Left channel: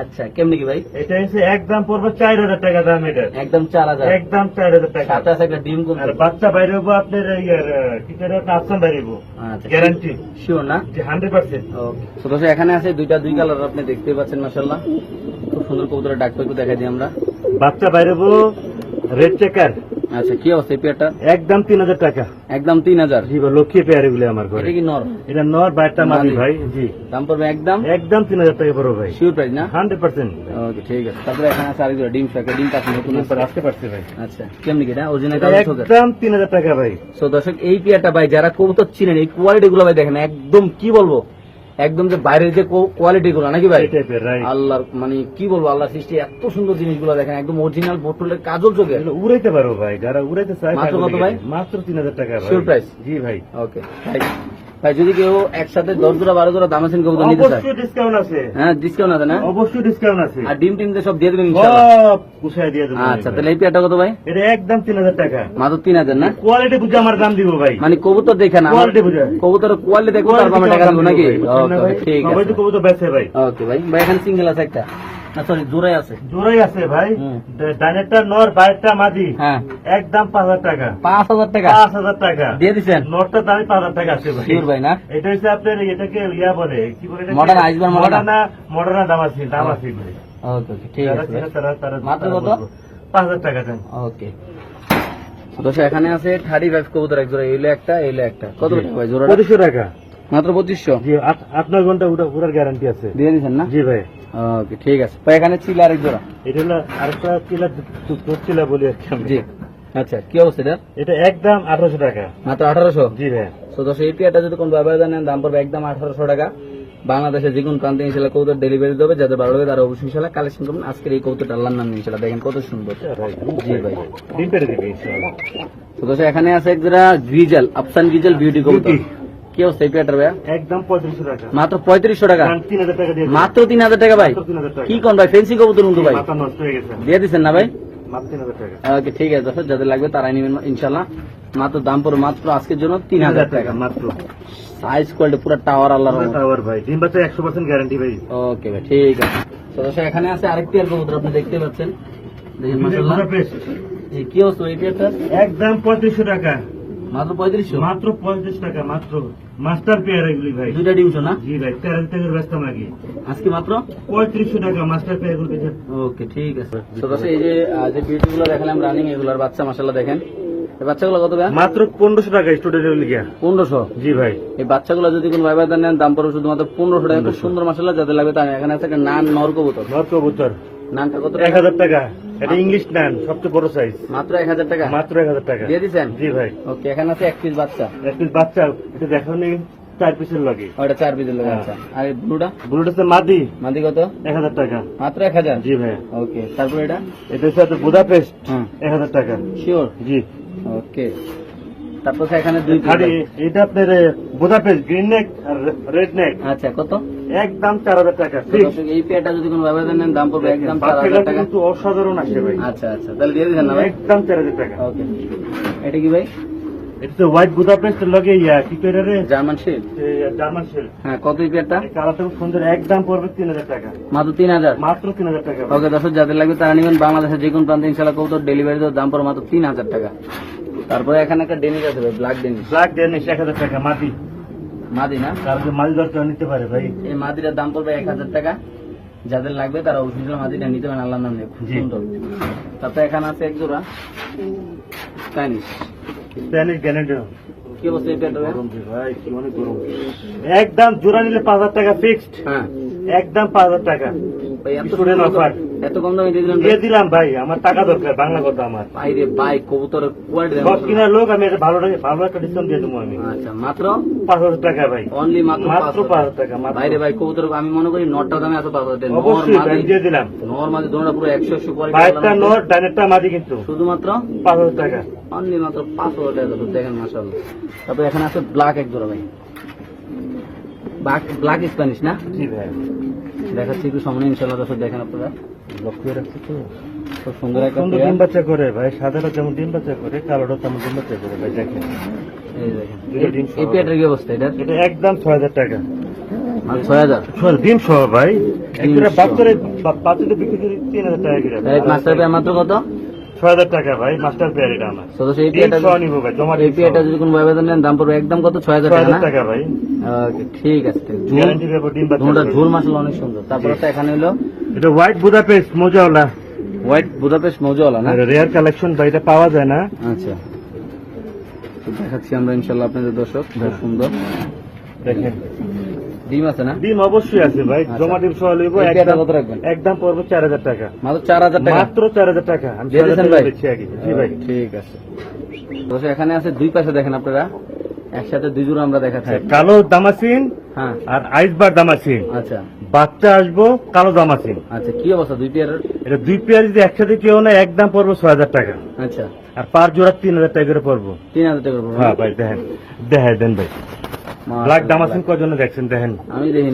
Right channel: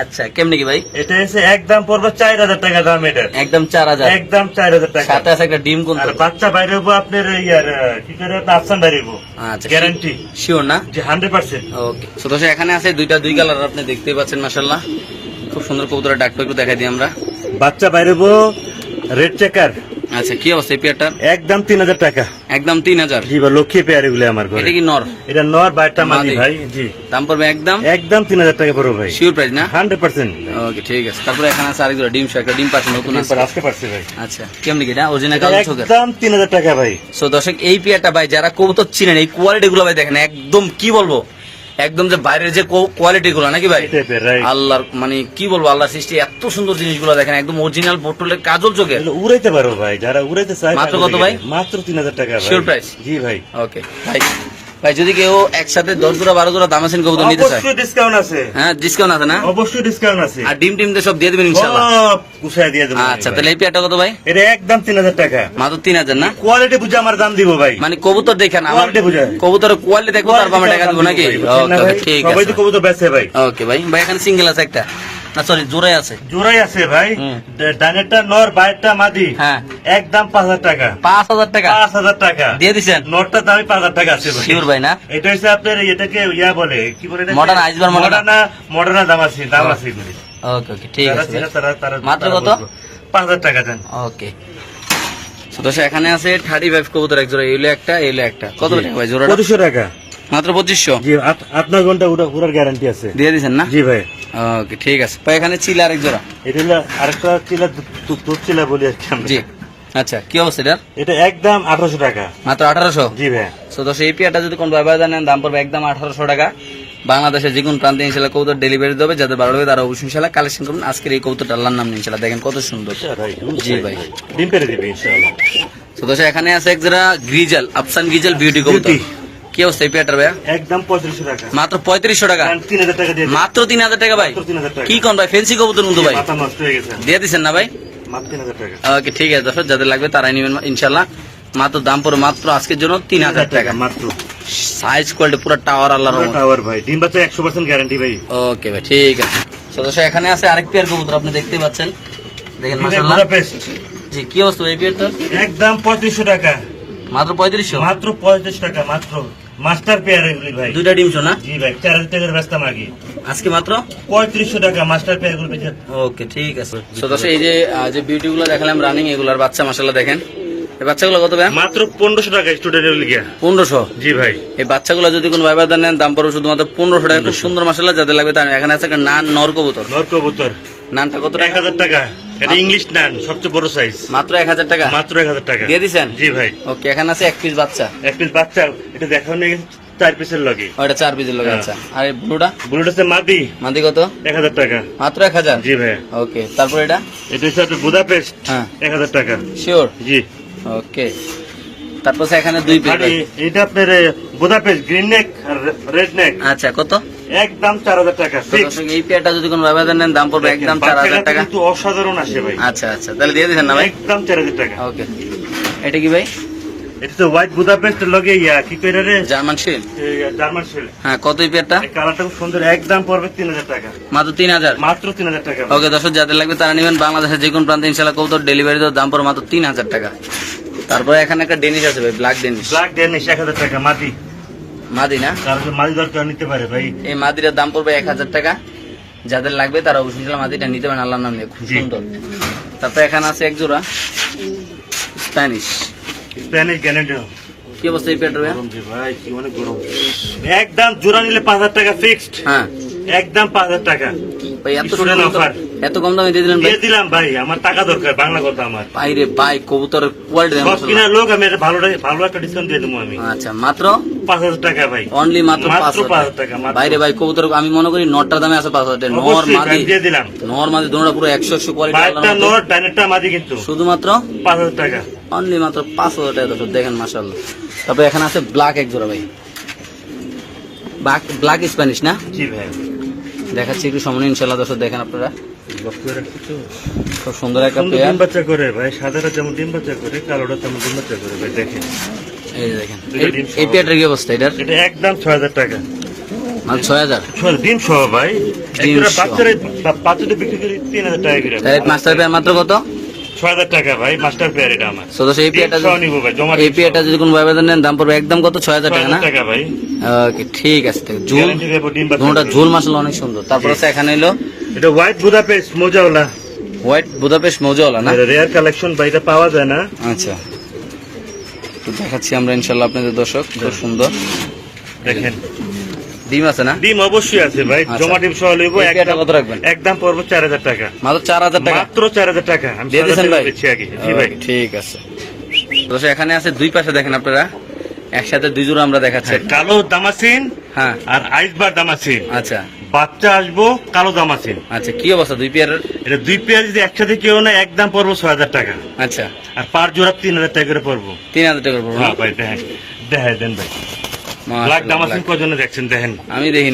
আচ্ছা কেমনি কি ভাই? এটা এসে একদম পড়বে 4000 টাকা দাম। এটা একদম 4000, একদম 4000 টাকা। সাথে আছে একটা ডিম কোন? আর বাচ্চা বাইরে হবো আপনার ইয়ার কি করে আফসান বাইরে হবো। আচ্ছা গ্যারান্টি শিওর না? যে 100%। ওকে সো দর্শক এখানে আছে দুই কালার আপনি দেখতেই পাচ্ছেন মাশাআল্লাহ, খুব সুন্দর কবুতরের ডাকটা একটু দেখাই দিই আমরা। বাচ্চা বাইরে হবো রেড চেকার। আচ্ছা কি অবস্থা এই পেয়ারটার? একদম 3000 টাকা। একদম 3000। জি ভাই, লক্ষ্মী পেয়ার এগুলো আমার ঘরে। এটা কি নর? এটা নর বাইরটা মাদি ভাই। জি দাম পড়বে একদম একদম 3000 টাকা পড়বে ভাই। শিওর প্রাইস না? 100%। ওকে ঠিক আছে। তারপরে এখানে আছে আরেক জোড়া ডিম শো, একটা ডিম পাচ্ছে নতুন আছে। আজকে পারছি ভাই। আচ্ছা কেমনি কি এটা অরিজিনাল কালো চোখের? একদম 3000 টাকা ভাই। সো দর্শক এই পেয়ারটা ভাই যারা কবুতর চিনেন এই কোয়ালিটি গুলো ভাই দেখেন, একদম কি বলবো, একদম যে বাইরের যে কোয়ালিটি গুলো নাকি ভাই, এই টাইপের রাইট। আল্লাহর মানে কি বলবো, আল্লাহর সৃষ্টি এত সুন্দর জিনিসগুলো দেখেন, একদম অরিজিনাল বোটলের কাজল চোখের। এগুলো উড়াইতে পারো ভাই, যারা উড়াইতে চায়। মাত্র কত ভাই? মাত্র 3000 টাকা ভাই। Sure price? জি ভাই। ওকে ভাই, ভাই যদি কেউ একসাথে 10 জোড়া 12 জোড়া দাম আছেন কবুতর নিতে চায়, অবশ্যই ডিসকাউন্ট আছে। হ্যাঁ ডিসকাউন্ট আছে না? অবশ্যই ডিসকাউন্ট আছে। আর ডিম টিম সব দিয়ে দিবেন ইনশাআল্লাহ। সব গুছায় দিয়ে দেব। আচ্ছা তাহলে এই পেয়ারটা কত ভাই? এটা একদম 3000 টাকা। মাত্র 3000 না? কোয়ালিটি বুঝে আমার দাম দিব ভাই। মানে কবুতর দেখেন আমার কোয়ালিটি বুঝে। কবুতরের কোয়ালিটি দেখবো তারপর আমি টাকা দিব নাকি? ওকে ওকে ঠিক সবাই আছে তো কবুতর বেচে ভাই। ওকে ভাই। ভাই এখানে সিঙ্গেল আছে একটা, না সরি জোড়াই আছে। জোড়াই আছে ভাই। হুম। ডানেরটা নর বাইরটা মাদি। হ্যাঁ একদম 5000 টাকা। 5000 টাকা 5000 টাকা দিয়ে দিছেন? নটটার দামই 5000 টাকা আছে ভাই। শিওর ভাই না? এটা হচ্ছে আপনার এটাকে ইয়া বলে কি বলে এটা? Modern Iceberg modern? মডার্ন দাম আছে, দাম আছে এগুলি। ওকে ওকে ঠিক যারা আছে চেনে ভাই। তারা মাত্র কত? 5000 টাকা দেন। ওকে তো দর্শক এখানে আছে 35 কবুতর এক জোড়া, এইলো একটা এইলো একটা। কত টাকা ভাই জোড়াটা? 2500 টাকা। মাত্র 2500 জি, আপনার ঘন্টা উড়ার গ্যারান্টি আছে। দিয়ে দিছেন না? জি ভাই। ওকে ঠিক আছে ভাই। এখানে চিলা আরেক জোড়া। এটা হলো আরেকটা চিলা, দুধ চিলা বলি আর কি আমরা। জি আচ্ছা কি অবস্থা এটা? এটা একদম 1800 টাকা। মাত্র 1800? জি ভাই। তো দর্শক এই পেয়ারটা যদি কোন ব্যবহার জানেন দাম পড়বে একদম 1800 টাকা। বাংলাদেশের যে কোনো প্রান্তে ইনশাল্লাহ কবুতর ডেলিভারি দেবে, যাদের ভালো লাগে তারা অবশ্যই ইনশাল্লাহ কালেকশন করুন। আজকের এই কবুতরটা আল্লাহর নাম নিয়ে ইনশাল্লাহ দেখেন কত সুন্দর। জি ভাই। ডিম পেরে দিবে ইনশাআল্লাহ। তো দর্শক এখানে আছে এক জোড়া গ্রিজাল, আফসান গ্রিজাল বিউটি কবুতর। কি অবস্থা এই পেয়ারটার ভাইয়া? একদম 3500 টাকা। মাত্র 3500 টাকা? 3000 টাকা দিয়ে দিন। মাত্র 3000 টাকা ভাই? মাত্র 3000 টাকা। কি কোন ভাই, ফেন্সি কবুতর কিন্তু ভাই মাথা নষ্ট হয়ে গেছে। দিয়ে দিচ্ছেন না ভাই? মাত্র 3000 টাকা। ওকে ঠিক আছে দর্শক, যাদের লাগবে তারাই নেবেন ইনশাল্লাহ। মাত্র দাম পড়ে মাত্র আজকের জন্য 3000 টাকা। মাত্র। সাইজ কোয়ালিটি পুরো টাওয়ার আল্লাহর রহমত। টাওয়ার ভাই। ডিম বাচ্চা 100% গ্যারান্টি ভাই। ওকে ভাই ঠিক আছে। তো দর্শক এখানে আছে আরেক পেয়ার কবুতর, আপনি দেখতে পাচ্ছেন দেখেন মাশাআল্লাহ। বুদাপেস্ট। জি কি অবস্থা এই পেয়ারটা? একদম 3500 টাকা। মাত্র 3500? মাত্র 35 টাকা মাত্র। মাস্টার পেয়ার এগুলি ভাই। দুইটা ডিম শো না? জি ভাই, 4000 টাকার ব্যস্ত মাগি। আজকে মাত্র 3500 টাকা মাস্টার পেয়ার এগুলি। ওকে ঠিক আছে। তো দর্শক এই যে বিউটি গুলো দেখালাম রানিং, এগুলার বাচ্চা মাশাআল্লাহ দেখেন। এই বাচ্চাগুলো কত ভাই? মাত্র 1500 টাকা স্টুডেন্টের লিগা। 1500? জি ভাই। এই বাচ্চাগুলো যদি কোনো ভাই বাজার নেন দাম পড়বে শুধুমাত্র 1500 টাকা। খুব সুন্দর মাশাআল্লাহ, যাদের লাগবে তার এখানে আছে একটা নান নর কবুতর। নর কবুতর। নানটা কত টাকা? 1000 টাকা। এটা ইংলিশ নান, সবচেয়ে বড় সাইজ। মাত্র 1000 টাকা? মাত্র 1000 টাকা দিয়ে দিছেন? জি ভাই। ওকে এখানে আছে এক পিস বাচ্চা। এক পিস বাচ্চা, এটা দেখাও নেই 4 পিসের লগে। ওটা 4 পিসের লোক। আচ্ছা আর এই ব্লুটা? বুলেট আছে মাদি। মাদি কত? 1000 টাকা। মাত্র 1000? জি ভাই। ওকে তারপর এটা? এটা হচ্ছে আপনার বুদাপেস্ট। হ্যাঁ 1000 টাকা। শিওর? জি। ওকে তারপর এখানে দুই পিস। আরে এটা আপনার বুদাপেস্ট গ্রিন নেক আর রেড নেক। আচ্ছা কত? একদম 4000 টাকা তো ফিক্স। দর্শক এই পেয়ারটা যদি কোনো ব্যবধান নেন দাম পড়বে একদম 4000 টাকা। কিন্তু অসাধারণ আসে ভাই। আচ্ছা আচ্ছা তাহলে দিয়ে দিবেন না ভাই? একদম 4000 টাকা। ওকে এটা কি ভাই? এটা তো হোয়াইট বুদাপেস্ট লগে ইয়া কি কইরা রে? German shell? German shell. হ্যাঁ কত এই পেয়ারটা? এই কালারটা খুব সুন্দর। একদম পড়বে 3000 টাকা। মাত্র 3000? মাত্র 3000 টাকা। ওকে দর্শক যাদের লাগবে তারা নেবেন। বাংলাদেশের যে কোনো প্রান্তে ইনশাআল্লাহ কবুতর ডেলিভারি দেওয়ার দাম পড়বে মাত্র 3000 টাকা। তারপরে এখানে একটা ডেনিশ আছে ভাই, ব্ল্যাক ডেনিশ। ব্ল্যাক ডেনিশ 1000 টাকা মাদি। মাদি না? কারণ মাদি দরকার নিতে পারে ভাই। এই মাদিটার দাম পড়বে 1000 টাকা। যাদের লাগবে তারা অবশ্যই মাদিটা নিতে পারেন, আল্লাহর নাম নিয়ে খুব জি। সুন্দর। তারপর এখানে আছে এক জোড়া স্প্যানিশ। স্প্যানিশ গ্যানেডো। কি অবস্থা এই পেয়ারটার ভাই? গরম রে ভাই, কি অনেক গরম। একদম জোড়া নিলে 5000 টাকা ফিক্সড। হ্যাঁ একদম 5000 টাকা। ভাই এত স্টুডেন্ট অফার। এত কম দামে দিয়ে দিলেন ভাই? দিয়ে দিলাম ভাই, আমার টাকা দরকার, বাংলা কথা আমার। ভাই রে ভাই কবুতরের কোয়ালিটি সব কিনা লোক, আমি একটা ভালো একটা ডিসকাউন্ট দিয়ে দেবো আমি। আচ্ছা মাত্র 5000 টাকা ভাই। অনলি মাত্র মাত্র 5000 টাকা মাত্র। ভাই রে ভাই কবুতর আমি মনে করি নটটার দামে আছে 5000 টাকা। অবশ্যই ভাই দিয়ে দিলাম। নর মাদি দুটোটা পুরো 100 কোয়ালিটি। বাইরটা নর, ডাইনেরটা মাদি কিন্তু। শুধুমাত্র 5000 টাকা। অনলি মাত্র 5000 টাকা দর্শক দেখেন মাশাআল্লাহ। তারপর এখানে আছে ব্ল্যাক এক জোড়া ভাই, ব্ল্যাক স্প্যানিশ না? জি ভাই। দেখাচ্ছি একটু সামনে ইনশাআল্লাহ দর্শক দেখেন আপনারা। লক্ষ্য রাখছি তো। খুব সুন্দর একটা সুন্দর পেয়ার। ডিম বাচ্চা করে ভাই, সাদাটা যেমন ডিম বাচ্চা করে, কালোটা তেমন ডিম বাচ্চা করে ভাই। দেখেন এই যে দেখেন দুইটা ডিম এই পেয়ারটার কি অবস্থা এটার? এটা একদম 6000 টাকা। মাত্র 6000। শোন, ডিম সহ ভাই। ডিম একটা সহ। বাচ্চাদের বিক্রি করি 3000 টাকা করে। ডাইরেক্ট মাস্টার পেয়ার মাত্র কত? 6000 টাকা ভাই, মাস্টার পেয়ার এটা আমার। সো দর্শক এই ডিম পেয়ারটা সহ নিবো ভাই, জমা এই পেয়ারটা যদি কোনো ভাই বাজার নেন দাম পড়বে একদম কত? 6000 টাকা 6000 না? টাকা ভাই। ওকে ঠিক আছে। তো ঝুল গ্যারান্টি দেবো ডিম বাচ্চা দুটোটা করবে। ঝুল মাসাল অনেক সুন্দর। তারপর আছে এখানে এলো এটা হোয়াইট বুদাপেস্ট মোজাওলা, হোয়াইট বুদাপেস্ট মৌজাওয়ালা না? রেয়ার কালেকশন ভাই, এটা পাওয়া যায় না। আচ্ছা তো দেখাচ্ছি আমরা ইনশাল্লাহ আপনাদের দর্শক, খুব সুন্দর। দেখেন ডিম আছে না? ডিম অবশ্যই আছে ভাই, আচ্ছা। জমা ডিম সহ লইবো। এই পেয়ারটা একদম কত রাখবেন? একদম পড়বো 4000 টাকা, মাত্র 4000 টাকা মাত্র 4000 টাকা। আমি দিয়ে 6000 দিয়েছেন টাকা ভাই? বেচি আগে। জি ভাই। ঠিক আছে। দর্শক এখানে আছে দুই পাশে দেখেন আপনারা, একসাথে দুই জোড়া আমরা দেখাচ্ছি। কালো দামাসিন হ্যাঁ আর আইসবার দামাসিন, আচ্ছা বাচ্চা আসবো কালো দামাসিন। আচ্ছা কি অবস্থা দুই পেয়ারের? এটা দুই পেয়ার যদি একসাথে কেউ না, একদম পড়বো 6000 টাকা, আচ্ছা আর পার জোড়া 3000 টাকা করে পড়বো। 3000 টাকা পড়বে। হ্যাঁ ভাই, দেখেন দেখাই দেন ভাই। ব্ল্যাক মাশাআল্লাহ, দামাসিন কজনে দেখছেন দেখেন। আমি দেখিনি।